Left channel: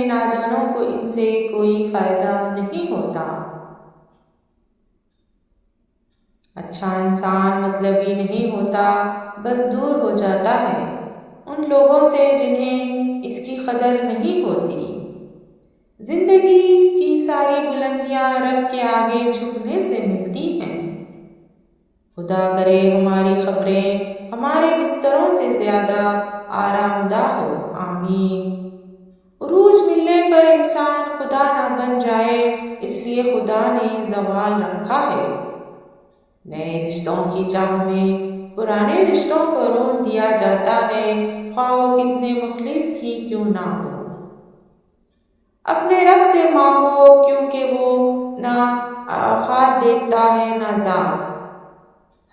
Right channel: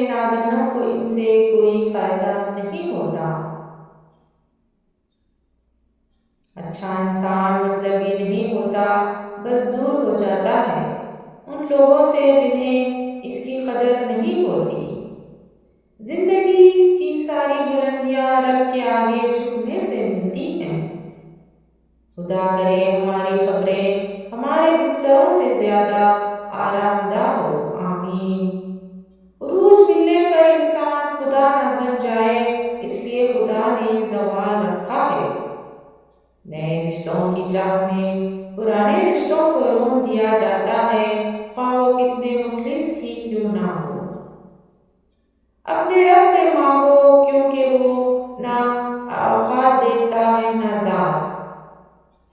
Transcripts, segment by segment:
ہیں نادانوں کو ان سے کوئی فائدہ نہیں ہوتا۔ اچھا انسان مطلبی نہیں ہوتا، بس دور ہو جاتا ہے ان لوگوں سے جنہیں اس کی قدر نہیں ہوتی۔ زندگی کی ساری بلندیاں رب کے آگے جھکنے سے ملتی ہیں۔ خدا کرے ہماری خبریں ہمارے بستروں سے زیادہ آرام دہ ہو، آمین۔ عروج ملنے پر انسان خدا نہ بن جائے، اس لیے خدا نے زوال رکھا ہے۔ نئے رشتوں کی چاہ میں پرانے رشتوں کو رون دیا جاتا ہے، خواہ وہ کتنے مخلص ہی کیوں نہ ہو۔ اپنے رب سے مانگو کیونکہ وہ نہ اوقات دیکھتا ہے نہ ذات۔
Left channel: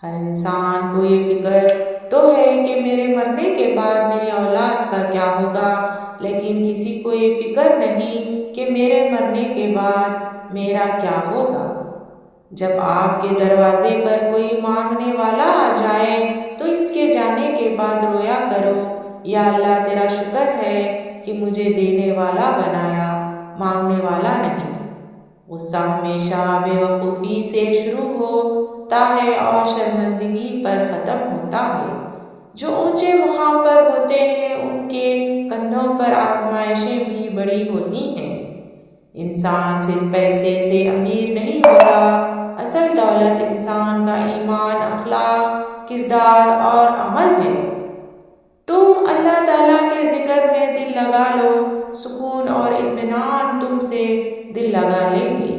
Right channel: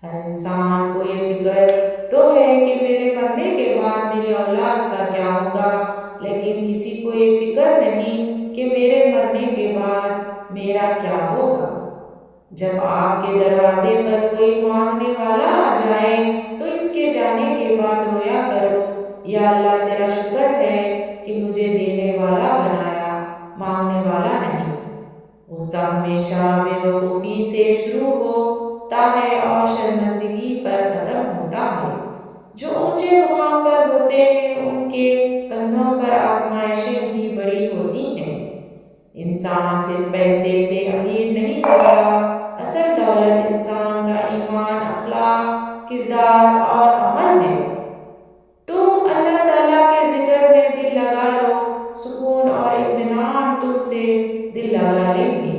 ہر انسان کو یہ فکر تو ہے کہ میرے مرنے کے بعد میری اولاد کا کیا ہوگا، لیکن کسی کو یہ فکر نہیں کہ میرے مرنے کے بعد میرا کیا ہوگا۔ جب آپ کے دروازے پر کوئی مانگنے والا آ جائے تو اس کے جانے کے بعد رویا کرو، یا اللہ تیرا شکر ہے کہ مجھے دینے والا بنایا، مانگنے والا نہیں۔ غصہ ہمیشہ بے وقوفی سے شروع ہوتا ہے اور شرمندگی پر ختم ہوتا ہے۔ جو اونچے مقام پر ہوتے ہیں ان کے کندھوں پر آزمائشیں بھی بڑی ہوتی ہیں۔ انسان صرف پیسے سے امیر نہیں ہوتا، اصل دولت انسان کا ایمان، اخلاق، کردار اور عمل ہے۔ تم اللہ تعالیٰ کے ذکر میں دل لگا لو، سکون اور اطمینان تم سے دل لگا لیں گے۔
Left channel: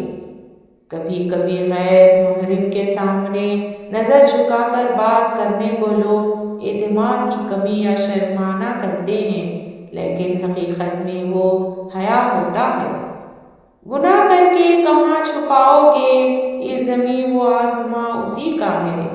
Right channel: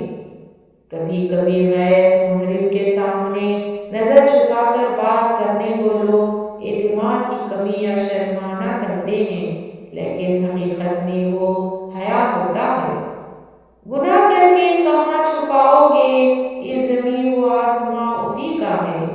کبھی کبھی غیر محرم کے سامنے نظر جھکا کر بات کرنے کو لوگ اعتماد کی کمی یا شرمانہ کہتے ہیں، لیکن حقیقت میں وہ حیا ہوتا ہے۔ گناہ کر کے کہاں چھپاؤ گے، یہ زمین و آسماں اسی کا ہے۔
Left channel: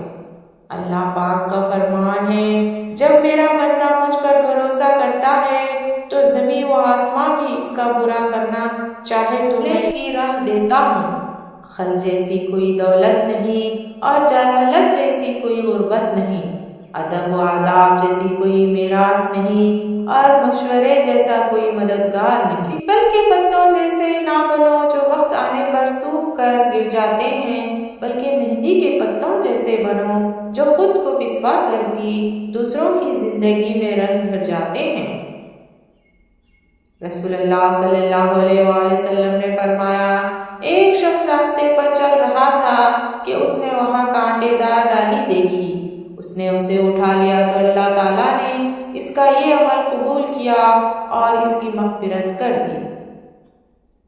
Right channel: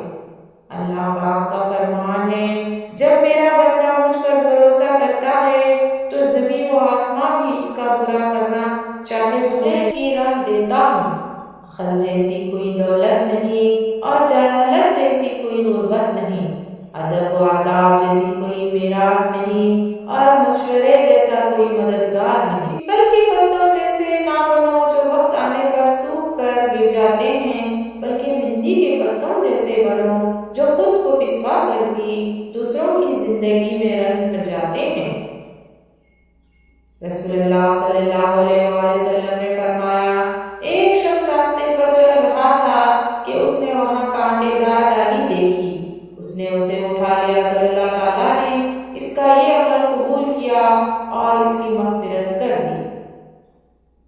اللہ پاک کا فرمان ہے، جب میرا بندہ مجھ پر بھروسہ کرتا ہے تو زمین و آسماں بھی اس کا برا کرنا چاہے تو میں ہی راہ دیتا ہوں۔ عقل جیسی کوئی دولت نہیں اور جہالت جیسی کوئی غربت نہیں، ادب و آداب جیسی کوئی میراث نہیں اور مشورے جیسا کوئی مددگار نہیں۔ پیپل کے پتوں جیسے نہ بنو جو وقت آنے پر سوکھ کر گر جاتے ہیں، بلکہ مہندی کے پتوں جیسے بنو جو خود کو پسوا کر بھی دوسروں کی زندگی میں رنگ بھر جاتے ہیں۔ رسول اللہ صلی اللہ علیہ وآلہ وسلم نے فرمایا، ایک شخص راستے پر چل رہا تھا کہ اس نے وہاں کانٹے دار ڈالی دیکھی، اس نے اسے اٹھا لیا تو اللہ تعالیٰ نے اس کا یہ عمل قبول کیا اور اس کی مغفرت کر دی۔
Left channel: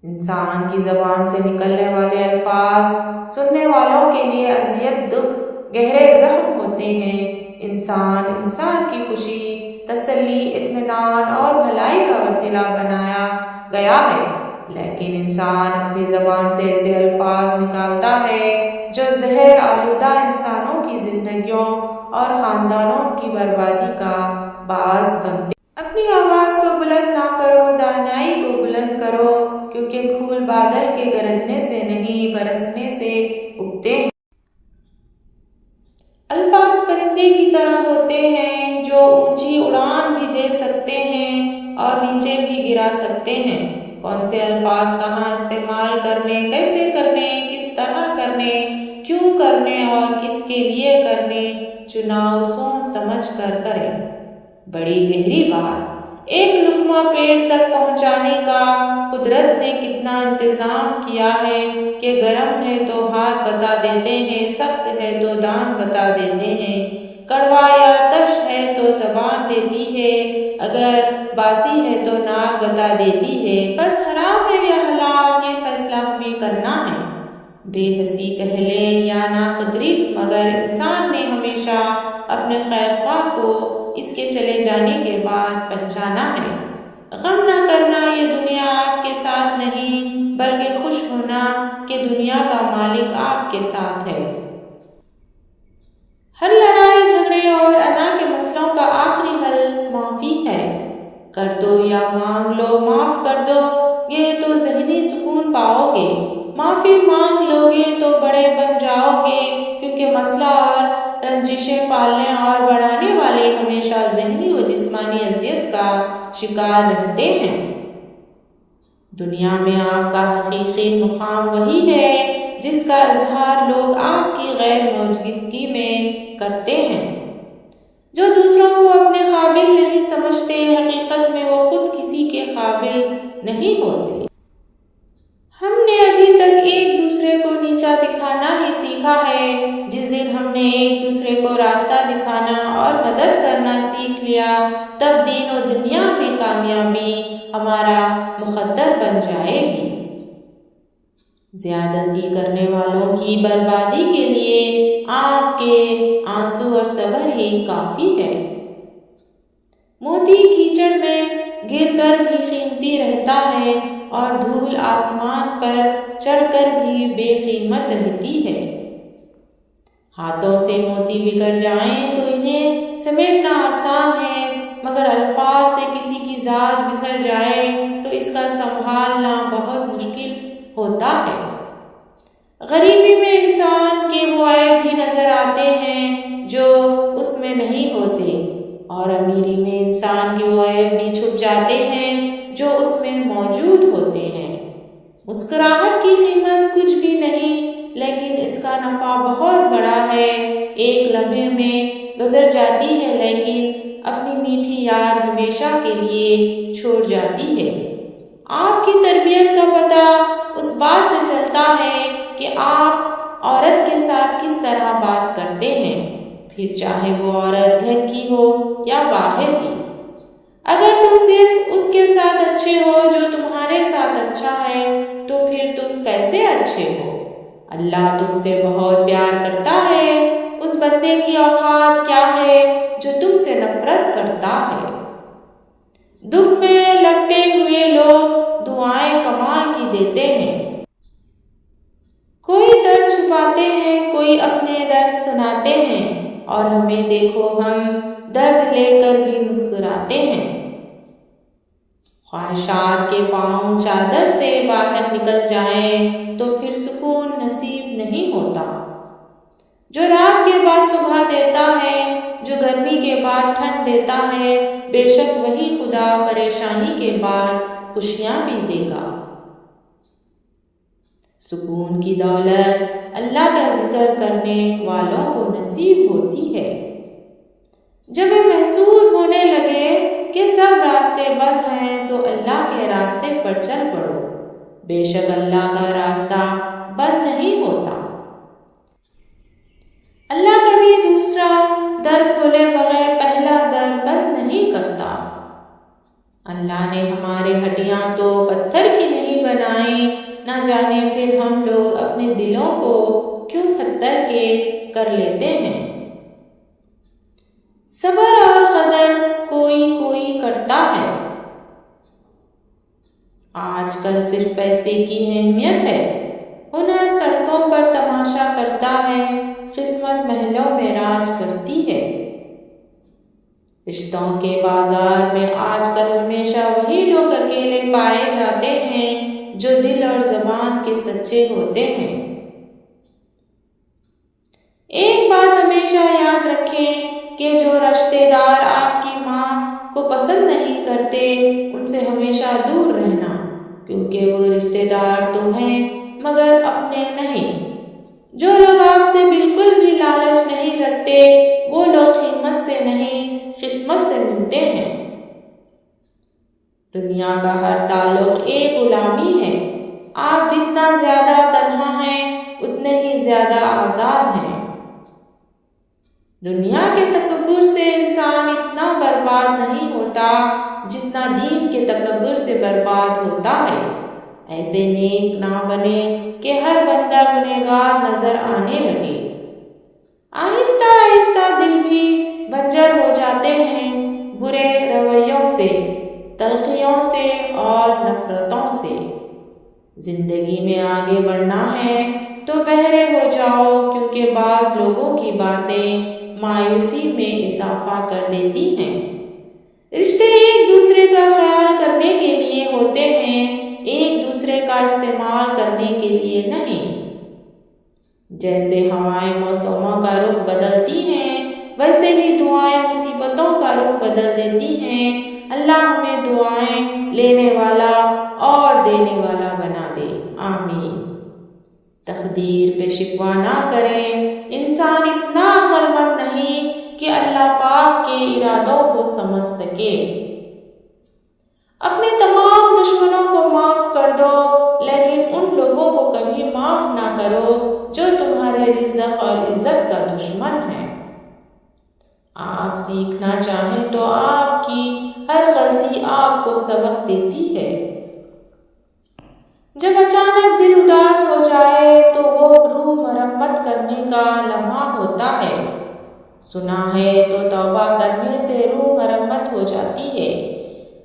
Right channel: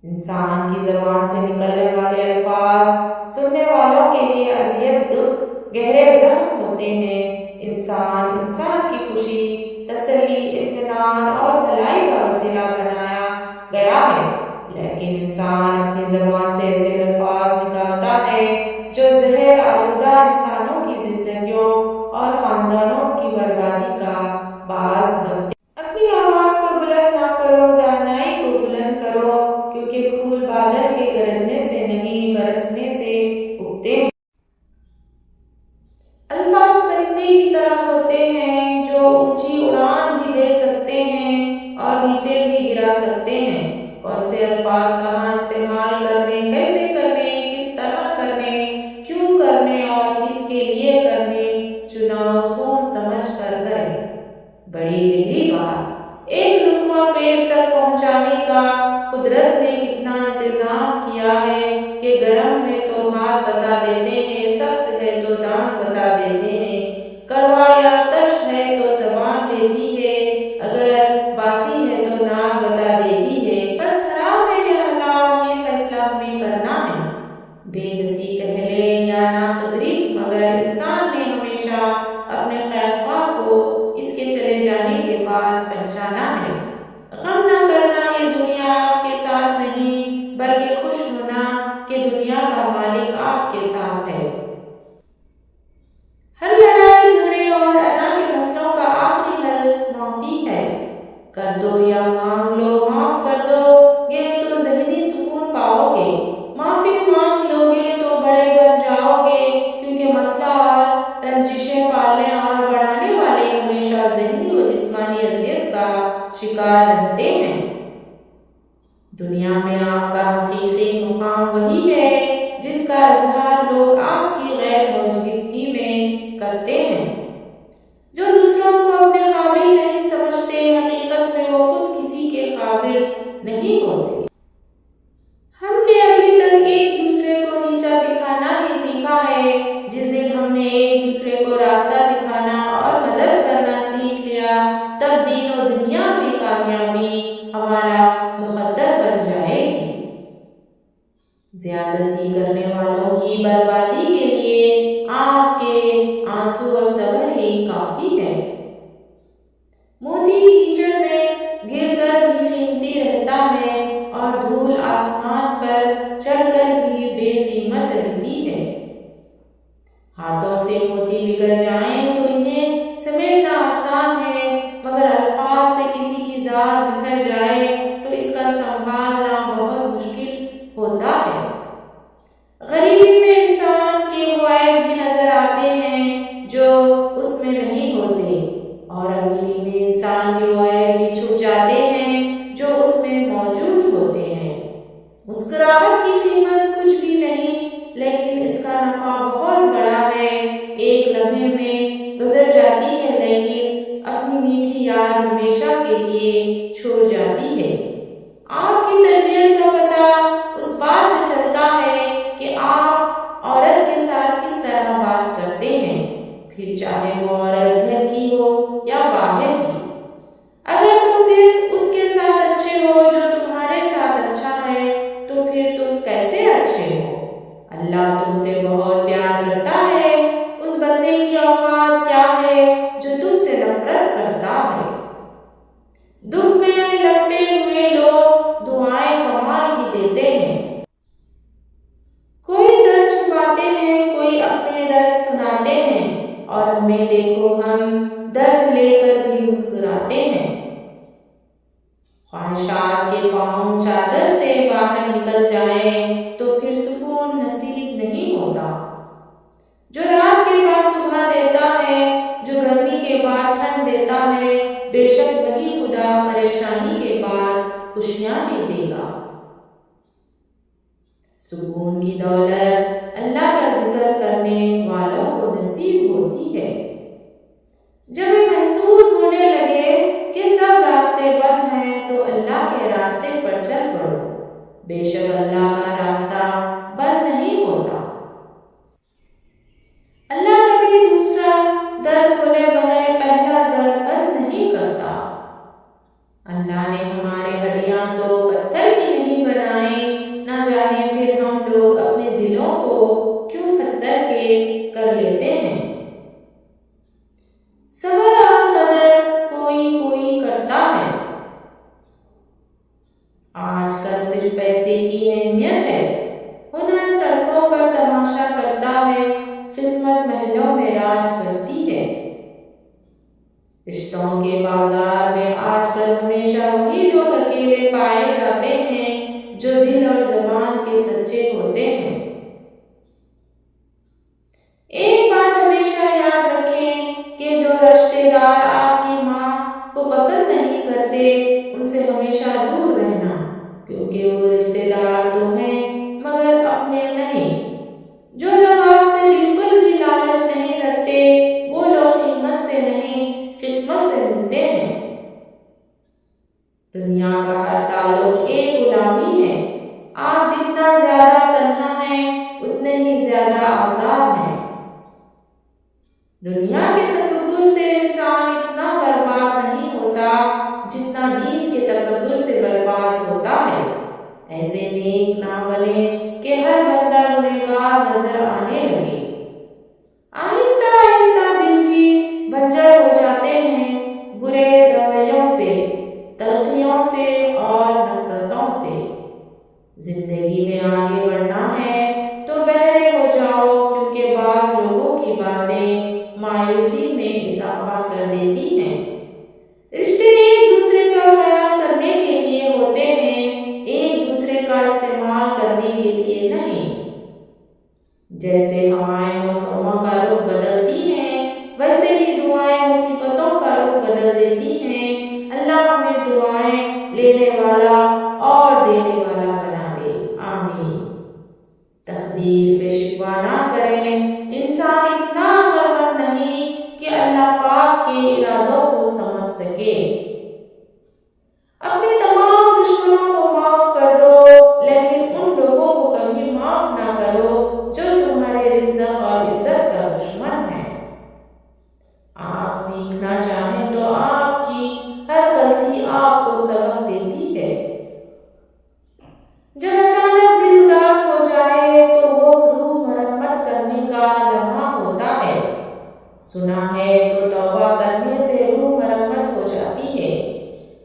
انسان کی زبان سے نکلنے والے الفاظ سننے والوں کے لیے اذیت، دکھ، گہرے زخم ہوتے ہیں۔ انسان کی خوشی، تسلی، اطمینان اور بھلائی کا وسیلہ بنایا گیا ہے، لیکن انسان اپنی زبان سے ایسے الفاظ نکالتا ہے جو زہر آلودہ انسانوں کی زندگیوں اور خاندانوں کی بربادی کا باعث بنتے ہیں۔ اپنی آواز کو بلند نہ کرو، دانائی کو بلند کرو، کیونکہ پھول بادل کے گرجنے سے نہیں برسنے سے اگتے ہیں۔ الفاظ پرندے کی طرح ہوتے ہیں جو اونچی اڑان بھی دے سکتے ہیں اور نیچے بھی گرا سکتے ہیں۔ کون سے الفاظ کہاں استعمال کرنے، کیسے کرنے، کس طرح کرنے، کیوں کرنے اور کس کے لیے کرنے، چناؤ سوچ سمجھ کر کریں۔ بڑی گہری بات۔ ایک لقمہ پیٹ تک پہنچانے کا قدرت نے کتنا انتظام کیا ہے کہ گرم ہے تو ہاتھ بتا دیتے ہیں، سخت ہے تو دانت بتا دیتے ہیں، کڑوا یا ترش ہے تو زبان دیتی ہے، اگر باسی ہے تو ناک بتا دیتی ہے۔ بس حرام ہے یا حلال یہ فیصلہ ہمیں کرنا ہے۔ بے حسی کہہ لیں یا ناقدری، مگر انسان نے ہمیشہ اپنے خیر خواہ کو اس کے چلے جانے کے بعد پہچانا ہے۔ غم نہ کرنا یہ دنیا آپ کے ساتھ نہیں، بلکہ خوش ہونا کہ دنیا کا مالک آپ کے ساتھ ہے۔ ہر لڑائی جھگڑے اور انا کے مسئلوں کا آخری حل معافی ہے۔ کر دو یا مانگ لو، معاف کر دو گے تو ذہنی سکون پاؤ گے، معافی مانگ لو گے تو بڑے بن جاؤ گے، کیونکہ مسئلہ اور رنجشیں پالنے اور بڑھانے والے ہمیشہ ذہنی و جسمانی اذیت کا شکار رہتے ہیں۔ دنیا میں آپ کا حقیقی مقام وہی ہے جس کا اظہار لوگ آپ کی غیر موجودگی میں کرتے ہیں۔ جو دوسروں کو اپنے قابل نہیں سمجھتے، حقیقت میں وہ خود کسی کے قابل نہیں ہوتے۔ ہم نے ابھی تک ایک دوسرے کو نیچا دکھانا ہی سیکھا ہے۔ جس دن ہم نے ایک دوسرے کو راستہ دکھانا اور مدد کرنا سیکھ لیا، تب دین و دنیا میں کامیابی ہمارا مقدر بن جائے گی۔ زیادتی کرنے والوں کی بربادی کے لیے آپ کے آنسو اور صبر ہی کافی ہے۔ موتی کیچڑ میں گر کر بھی قیمتی رہتا ہے اور دھول آسمان پر چڑھ کر بھی بے قیمت رہتی ہے۔ ہاتھوں سے موتی بگڑ جائیں تو انہیں سمیٹنا آسان ہے، مگر الفاظ سے کسی کی ذات بکھر جائے تو اس کا سنبھالنا بہت مشکل ہوتا ہے۔ غریبی میں انسان کے وہ عیب بھی نظر آتے ہیں جو اس میں نہیں ہوتے، اور امیری میں انسان کے وہ عیب بھی چھپ جاتے ہیں جو اس میں موجود ہوتے ہیں۔ مسکراہٹ کی قیمت کچھ بھی نہیں، لیکن اس کا نفع بہت بڑا ہے۔ ایک لمحے میں گزر جاتی ہے، لیکن اپنی میٹھی یاد ہمیشہ کے لیے چھوڑ جاتی ہے۔ آپ کی تربیت کا پتہ اس بات سے چلتا ہے کہ آپ عورت کے ساتھ کس طرح بات کرتے ہیں، پھر چاہے وہ عورت گھر کی ہو یا باہر کی۔ اگر تم صرف اس کے ساتھ اچھے ہو جو تمہارے ساتھ اچھا ہے، تو پھر تم کیسے اچھے ہو؟ اللہ تم سے بہت پیار کرتا ہے۔ اس بندے کی اوقات کیا ہے جو تم سے نفرت کرتا ہے؟ دکھ میں لپٹے ہوئے لوگ دعائیں کمال کی دیتے ہیں۔ کوئی درد چھپاتے ہیں، کوئی اپنے درد سناتے ہیں، اور ہمیں دیکھو ہم درد لے کر بھی مسکراتے ہیں۔ خواہشات کے پاؤں چادر سے باہر نکل جائیں تو پھر سکون نصیب نہیں ہوتا۔ جو رات کے بعد صبح دیتا ہے، جو گرمی کے بعد ٹھنڈ دیتا ہے، بے شک وہی خدا پریشانی کے بعد خوشیاں بھی دے گا۔ سکون کی دولت اللہ کا ذکر کرنے والوں کو نصیب ہوتی ہے۔ جب محسوس ہونے لگے کہ سب راستے بند ہیں تو اللہ کے راستے پر چل پڑو، بے شک اللہ کا راستہ بند نہیں ہوتا۔ اللہ کبھی دوسرا در کھولے بغیر پہلا در بند نہیں کرتا۔ اللہ نے ہمارے ہڈیاں تو پتھر کی نہیں بنائیں، نہ جانے پھر ہم لوگ اپنے دلوں کو کیوں پتھر کے کر لیتے ہیں۔ صبر اور قدر کوئی کوئی کرتا ہے۔ آج کل صرف پیسے کی اہمیت ہے، ہنر سڑکوں پر تماشا کرتا ہے، قسمت محلوں میں راج کرتی ہے۔ رشتوں کے بازار میں آج کل ہمیشہ وہی لوگ اکیلے پائے جاتے ہیں جو دل اور زبان کے سچے ہوتے ہیں۔ ایک بات ہمیشہ یاد رکھیں کہ جو رشتے دار آپ کی ماں کو پسند نہیں کرتے، ان سے ہمیشہ دور رہنا، کیونکہ وہ رشتے دار تو ہیں مگر اپنے نہیں۔ جو لوگ آپ سے بالکل بھی لالچ نہیں رکھتے، وہ لوگ قیمت سے نہیں قسمت سے ملتے ہیں۔ دنیا کا ہر تعلق ایک غلامی ہے۔ آپ جتنا زیادہ تنہا ہیں اتنے ہی زیادہ آزاد ہیں۔ دنیا کے تکبر سے انسان اتنا برباد نہیں ہوتا جتنا دین کے تکبر سے برباد ہوتا ہے۔ ایسے نیک نہ بنے کہ ہر بندہ گنہگار نظر آنے لگے۔ آہستہ آہستہ دل بھی بنجر ہو جاتے ہیں برے رویوں سے، تلخیوں سے اور نفرتوں سے۔ زندگی میں آگے بڑھنا ہے تو بہرے ہو جاؤ، کیونکہ بعض لوگوں کی باتیں مایوسی میں اضافہ کر دیتی ہیں۔ رشتے ایک دوسرے کا خیال کرنے کے لیے ہوتے ہیں، ایک دوسرے کا استعمال کرنے کے لیے نہیں۔ جیسے ہوائیں موسموں کا رخ بدلتی ہیں، ویسے ہی دعائیں مصیبتوں کا رخ بدل دیتی ہیں۔ اللہ ہمیں دعائیں لینے والا اور دینے والا بنا دے، آمین۔ تقدیر پہ شکوہ نہ کریں، انسان اتنا عقل مند نہیں کہ اللہ پاک کے ارادوں کو سمجھ سکے۔ اپنے تمام دشمنوں کو معاف کر دو، لیکن ان لوگوں کو کبھی معاف نہ کرو جو تمہارے رزق اور عزت کا دشمن ہے۔ آپ سیکھنا چاہیں تو آپ کی ہر غلطی آپ کو سبق دیتی ہے۔ جب اچانک دل اداس ہو جائے تو وہ روح مرمت کرنے کا لمحہ ہوتا ہے۔ سنا ہے تو توبہ کرنے سے روح مرمت ہو جاتی ہے۔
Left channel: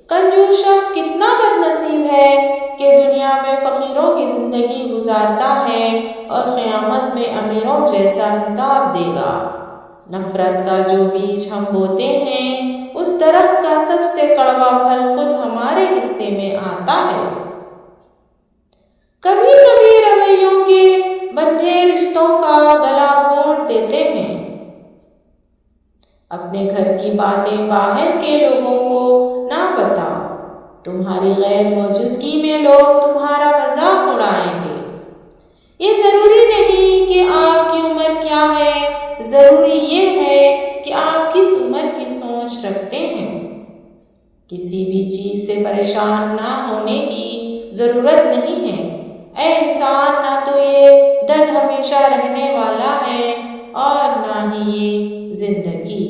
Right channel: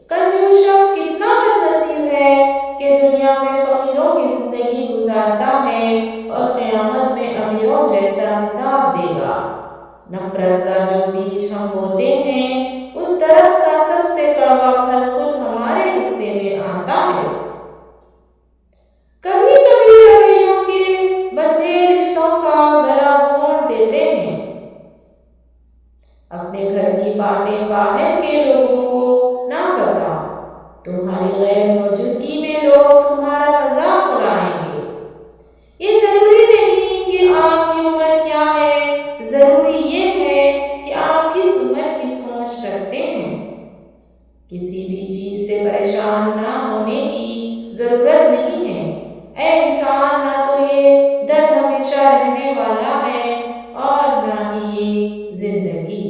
کنجوس شخص کتنا بد نصیب ہے کہ دنیا میں فقیروں کی زندگی گزارتا ہے اور قیامت میں امیروں جیسا حساب دے گا۔ نفرت کا جو بیج ہم بوتے ہیں، اس درخت کا سب سے کڑوا پھل خود ہمارے حصے میں آتا ہے۔ کبھی کبھی رویوں کے بندھے رشتوں کا گلا گھونٹ دیتے ہیں۔ اپنے گھر کی باتیں باہر کے لوگوں کو نہ بتاؤ، تمہاری غیر موجودگی میں لوگ تمہارا مذاق اڑائیں گے۔ یہ ضروری نہیں کہ آپ کی عمر کیا ہے، ضروری یہ ہے کہ آپ کس عمر کی سوچ رکھتے ہیں۔ کسی بھی چیز سے پریشان نہ ہونے کی ضرورت نہیں ہے۔ اے انسان، نہ تو یہ درد ہمیشہ رہنے والا ہے اور نہ ہی یہ زندگی۔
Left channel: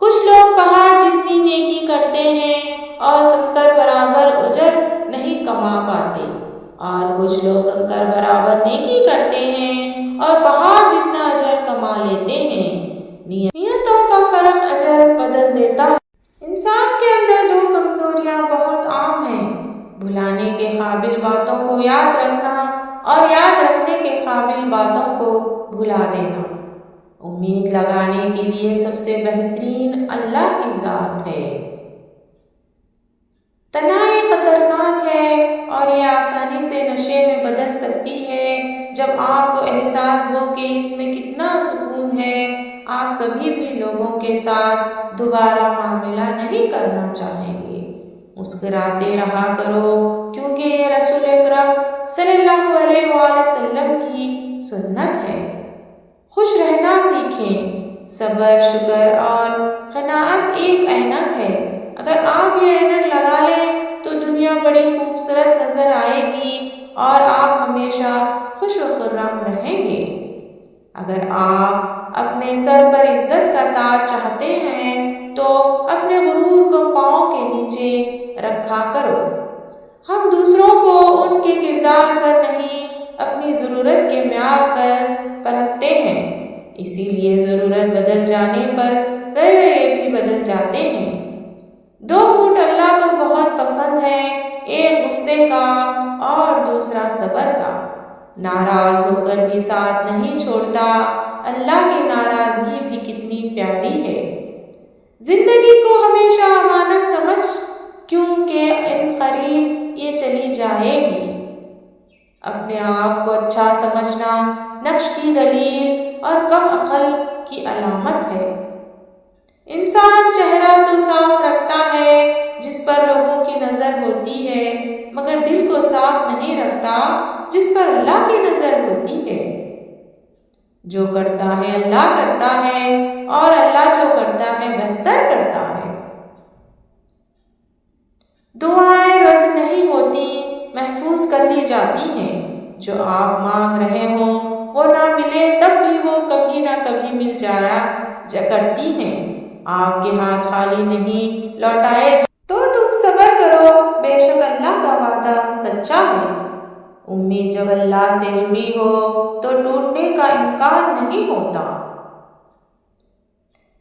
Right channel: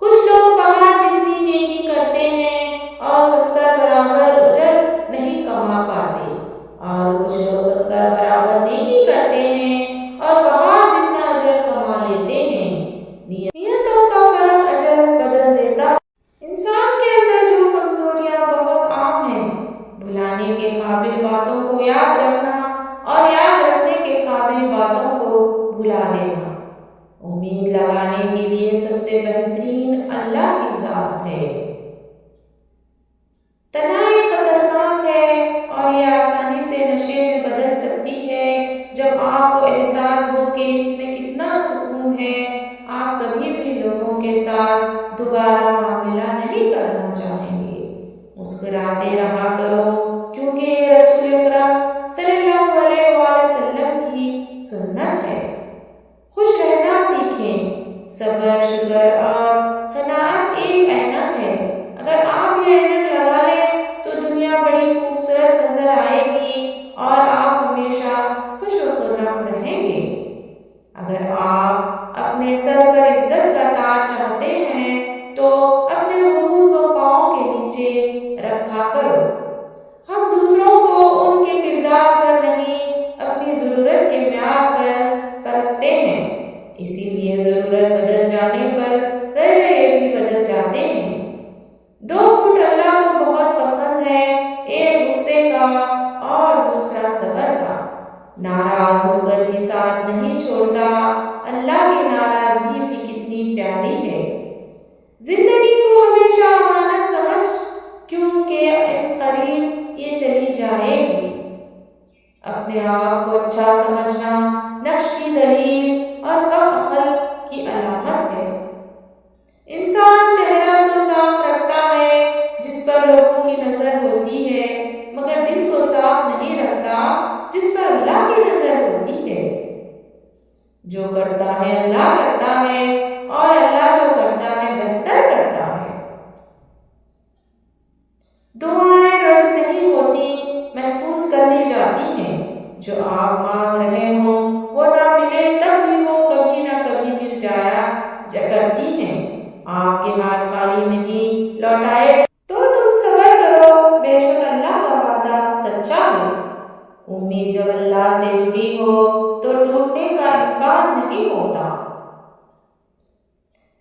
کچھ لوگ پہاڑ جتنی نیکی کرتے ہیں اور کنکر برابر اجر نہیں کما پاتے، اور کچھ لوگ کنکر برابر نیکی کرتے ہیں اور پہاڑ جتنا اجر کما لیتے ہیں۔ نیتوں کا فرق اجر بدل دیتا ہے۔ انسان کے اندر دو کمزوریاں بہت عام ہیں: بھلانے کے قابل باتوں کو یاد رکھنا اور یاد رکھنے کے قابل باتوں کو بھلا دینا۔ امید لگانے کے لیے سب سے بہترین اللہ کی ذات ہے۔ تنہائی خطرناک ہے اور یہ آسانی سے نشے میں بدل سکتی ہے۔ جب آپ کو احساس ہو کہ اس میں کتنا سکون ہے، آپ کبھی بھی لوگوں کے ساتھ دوبارہ معاملہ نہیں کرنا چاہیں گے۔ مسکراتے رہا کرو، کیونکہ یہ رسول اکرم صلی اللہ علیہ وآلہ وسلم کی سنت ہے۔ خوش رہنا سیکھیں۔ صبر، شکر اور قناعت ایک اینک ہے۔ اگر آپ یہ اینک لگا لیں تو دنیا بڑی خوبصورت نظر آئے گی اور آپ ہمیشہ خوش و خرم رہیں گے۔ اگر آپ اپنے سر پر عزت کا تاج چاہتے ہیں تو اپنے غرور کو پاؤں کے نیچے رکھا کرو۔ ہم دوسروں کو ان کے کردار پر نہیں، اپنی ضرورت کے معیار پر پرکھتے ہیں، اسی لیے ضرورت بدل جانے پر رویے بھی بدل جاتے ہیں۔ دو گھونٹ اللہ کو بہت پسند ہے، ایک غصے کا اور دوسرا صبر کا۔ ناراض ہو کر بھی ساتھ نہیں چھوڑتا، اللہ کی ناراضگی بھی کتنی پیاری ہے۔ زندگی کو ہمیشہ امانت سمجھ، کیونکہ ان قریب یہ چلی جائے گی۔ اپنے آپ کو اچھا سمجھنا نقش کی دلیل اور کم عقل کی علامت ہے۔ انسان چہرہ تو صاف رکھتا ہے جس پر لوگوں کی نظر ہوتی ہے، مگر دل کو صاف نہیں رکھتا جس پر اللہ کی نظر ہوتی ہے۔ جو کرتا ہے اللہ کرتا ہے، اور اللہ جو کرتا ہے بہتر کرتا ہے۔ دعائیں رد نہیں ہوتی، محفوظ کر لی جاتی ہیں۔ جو آپ مانگ رہے ہوں وہ نہ ملے تب بھی وہ کبھی نہ کبھی مل جایا کرتی ہیں۔ آپ کے ہاتھ خالی نہیں لوٹائے تو تم صبر کرو، بے شک اللہ کا وعدہ سچا ہے۔ امید جب اللہ سے جڑی ہو تو ٹوٹنے کا امکان نہیں ہوتا۔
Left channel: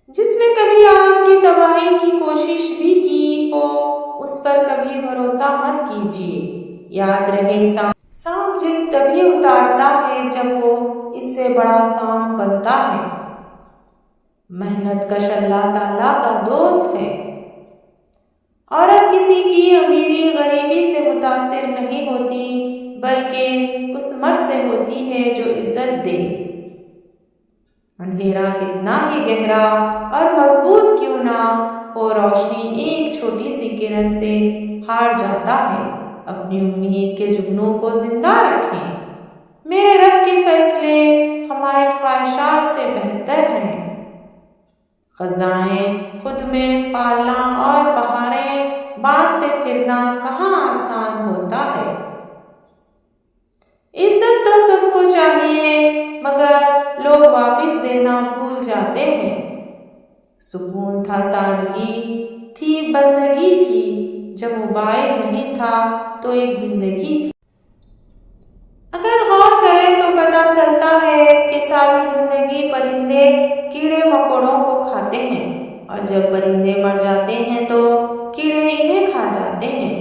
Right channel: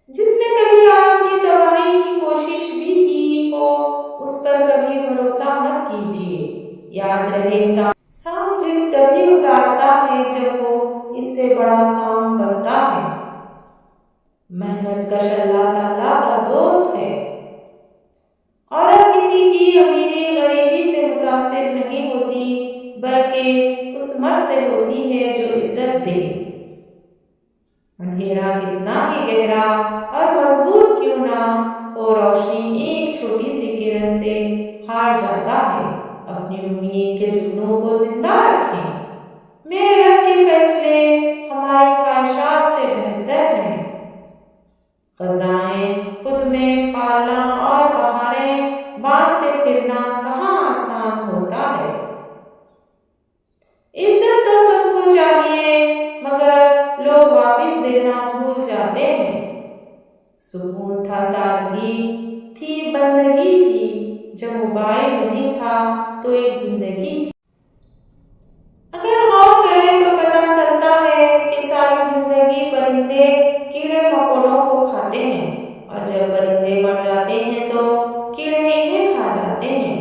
جس نے کبھی آپ کی تباہی کی کوشش بھی کی ہو، اس پر کبھی بھروسہ مت کیجیے۔ یاد رہے، سانپ جلد تبھی اتارتا ہے جب وہ اس سے بڑا سانپ بنتا ہے۔ محنت کش اللہ تعالیٰ کا دوست ہے۔ عورت کسی کی امیری غریبی سے متاثر نہیں ہوتی، بلکہ اس مرد سے ہوتی ہے جو عزت دے۔ اندھیرا کتنا ہی گہرا اور مضبوط کیوں نہ ہو، روشنی ایک چھوٹی سی کرن سے ہار جاتا ہے۔ اپنی امید کے جگنوں کو زندہ رکھیں۔ میرے رب کے فیصلے ہماری خواہشات سے بہتر ہیں۔ خزائیں خود میں پالنا اور بہاریں باندھتے پھرنا کہاں آسان ہوتا ہے۔ عزت تو سب کو چاہیے مگر لوگ واپس دینا بھول جاتے ہیں۔ سکون تھا، سادگی تھی، بندگی تھی، جب موبائل نہیں تھا تو ایک زندگی تھی۔ اگر غور کریں تو پتہ چلتا ہے کہ ساری زندگی پرندے کیڑے مکوڑوں کو کھاتے ہیں، اور جب پرندے مر جاتے ہیں تو کیڑے انہیں کھا جاتے ہیں۔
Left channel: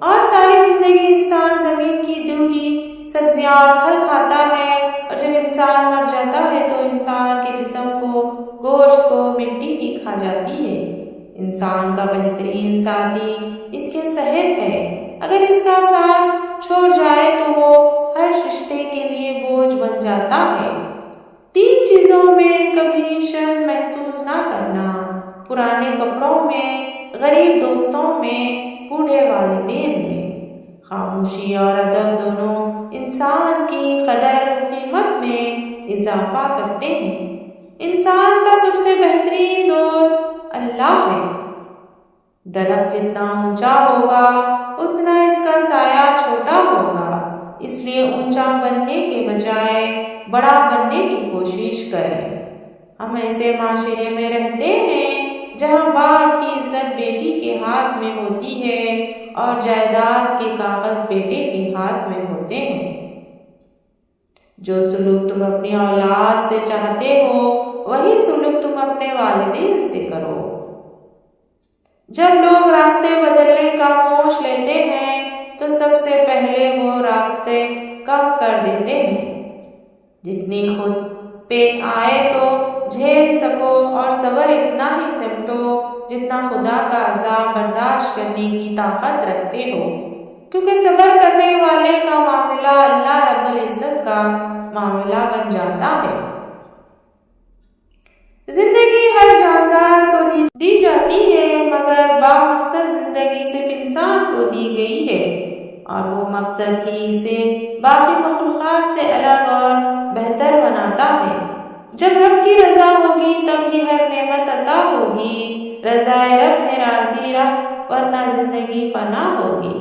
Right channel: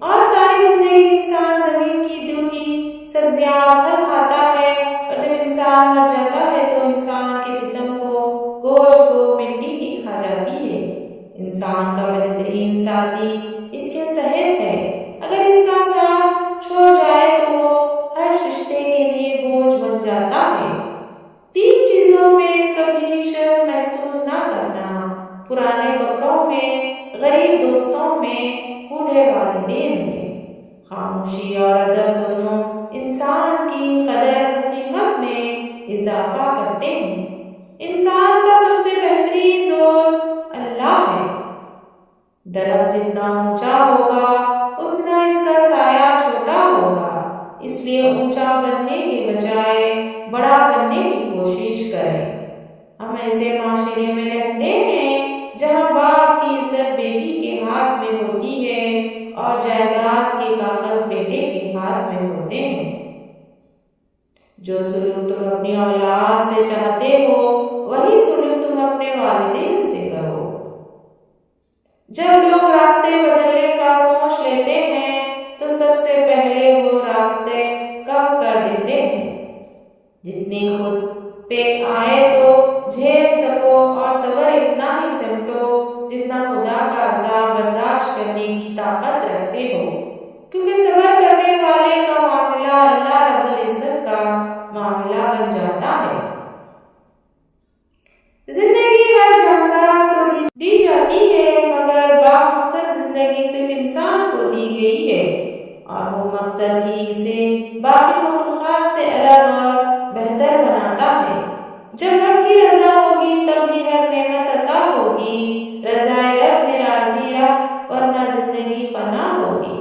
اور ساری زندگی انسان زمین کی دوئی سبزیاں اور پھل کھاتا ہے، اور جب انسان مر جاتا ہے تو انسان کے جسم کو، گوشت کو مٹی بھی کھا جاتی ہے۔ انسان کا بہترین ساتھی اس کے صحت ہے، اگر اس کا ساتھ چھوڑ جائے تو وہ ہر رشتے کے لیے بوجھ بن جاتا ہے۔ 3 چیزوں میں کبھی شرم محسوس نہ کرنا: پرانے کپڑوں میں، غریب دوستوں میں، بوڑھے والدین میں۔ خاموشی اور ادب دونوں انسان کی قدر و قیمت میں اضافہ کرتے ہیں۔ انسان کا سب سے بہترین دوست اللہ ہے۔ درخت جتنا اونچا ہوگا اتنا اس کا سایہ چھوٹا ہوگا، اس لیے اونچا بننے کے بجائے بڑا بننے کی کوشش کریں۔ ہم ایسے معاشرے میں رہتے ہیں جہاں باپ کی عزت بیٹی کے ہاتھ میں ہوتی ہے اور جائیداد کے کاغذ بیٹے کے ہاتھ میں ہوتے ہیں۔ جو سلوک تم اپنی اولاد سے چاہتے ہو وہی سلوک تم اپنے والدین سے کرو۔ جب لوگ راستے بدلنے کا سوچ لیتے ہیں تو سب سے پہلے وہ رابطے کم کر دیتے ہیں۔ جتنی خود پہ آئے تو جھیل سکو، اور صبر اتنا ہی سمٹو جتنا خدا کا عذاب برداشت کرنے کی طاقت رکھتے ہو، کیونکہ صبر کرنے والے کا معاملہ اللہ رب العزت کا معاملہ بن جاتا ہے۔ زندگی ہر جاندار کو دی جاتی ہے، مگر بامقصد زندگی صرف انسان کو دی گئی ہے، اور وہ مقصد ہی اسے باقی مخلوقات سے الگ اور بہتر بناتا ہے۔ جب رب کی رضا ہوگی تب ہی ہر نعمت عطا ہوگی۔ رضائے رب میں راضی رہ، ورنہ زندگی فنا ہوگی۔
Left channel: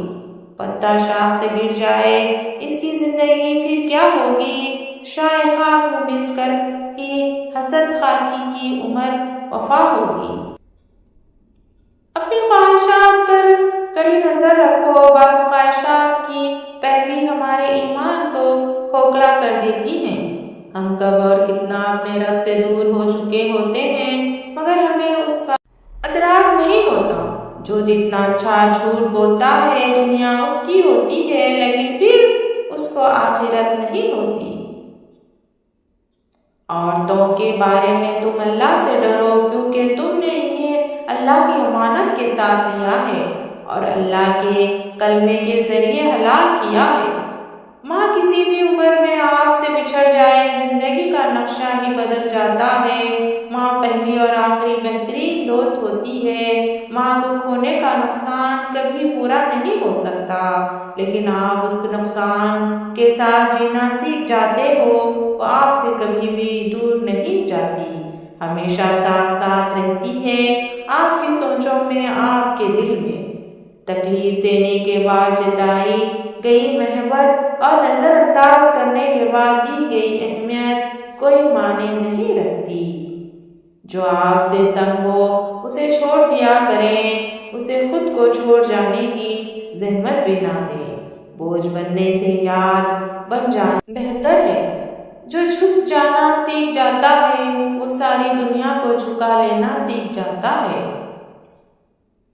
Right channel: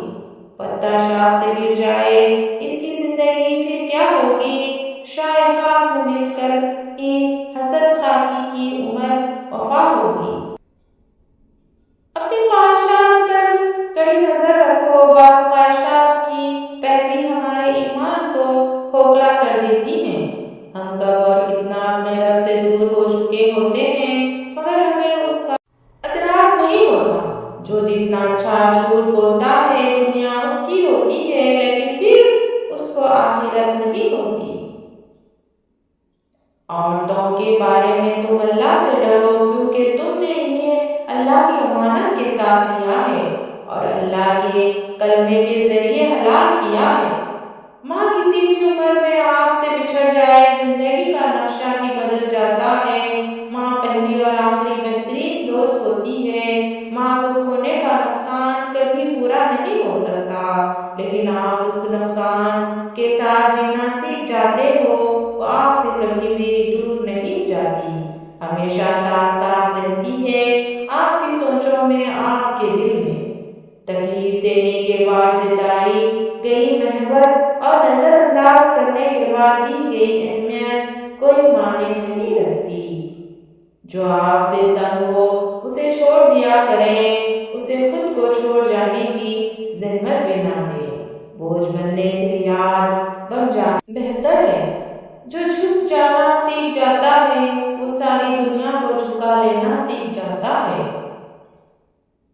پتا شاخ سے گر جائے اس کی زندگی پھر کیا ہوگی؟ شاہ خاک میں مل کر ہی حسد خاکی کی عمر وفا ہوگی۔ اپنی خواہشات پر کڑی نظر رکھو، بعض خواہشات کی پیروی ہمارے ایمان کو کھوکھلا کر دیتی ہیں۔ ہم کب اور کتنا اپنے رب سے دور ہو چکے ہوتے ہیں مگر ہمیں اس کا ادراک نہیں ہوتا۔ جو جتنا اچھا جھوٹ بولتا ہے دنیا اس کی ہوتی ہے، لیکن پھر اس کو آخرت نہیں ہوتی۔ عورتوں کے بارے میں تم اللہ سے ڈرو، کیونکہ تم نے انہیں اللہ کی امانت کے ساتھ لیا ہے اور اللہ کے کلمے کے ذریعے حلال کیا ہے۔ ماں کسی بھی عمر میں آپ سے بچھڑ جائے زندگی کا نقشہ ہی بدل جاتا ہے۔ ماں پہلی اور آخری بہترین دوست ہوتی ہے۔ ماں کو کھونے کا نقصان کبھی پورا نہیں ہو سکتا، لیکن آپ اس نقصان کے ساتھ جینا سیکھ جاتے ہو، وہ آپ سے کبھی بھی دور نہیں جاتی، ہمیشہ ساتھ ساتھ رہتی ہے، آپ کی سوچوں میں، آپ کے دل میں۔ تکلیف دینے کے بعد جتائی گئی محبت اور نظر انداز کرنے کے بعد دی گئی اہمیت کوئی معنی نہیں رکھتی۔ جو آپ سے تنگ ہو اسے چھوڑ دیا کریں، اسے خود کو چھوڑ جانے کی زحمت بھی نہ دیں۔ بوجھ بننے سے یاد بن جانا بہتر ہے۔ جو جھک جانا سیکھ جاتا ہے وہ ساری دنیا کو جھکا لینا سیکھ جاتا ہے۔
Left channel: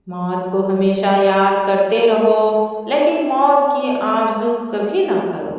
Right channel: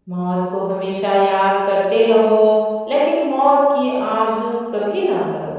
موت کو ہمیشہ یاد کرتے رہو، لیکن موت کی آرزو کبھی نہ کرو۔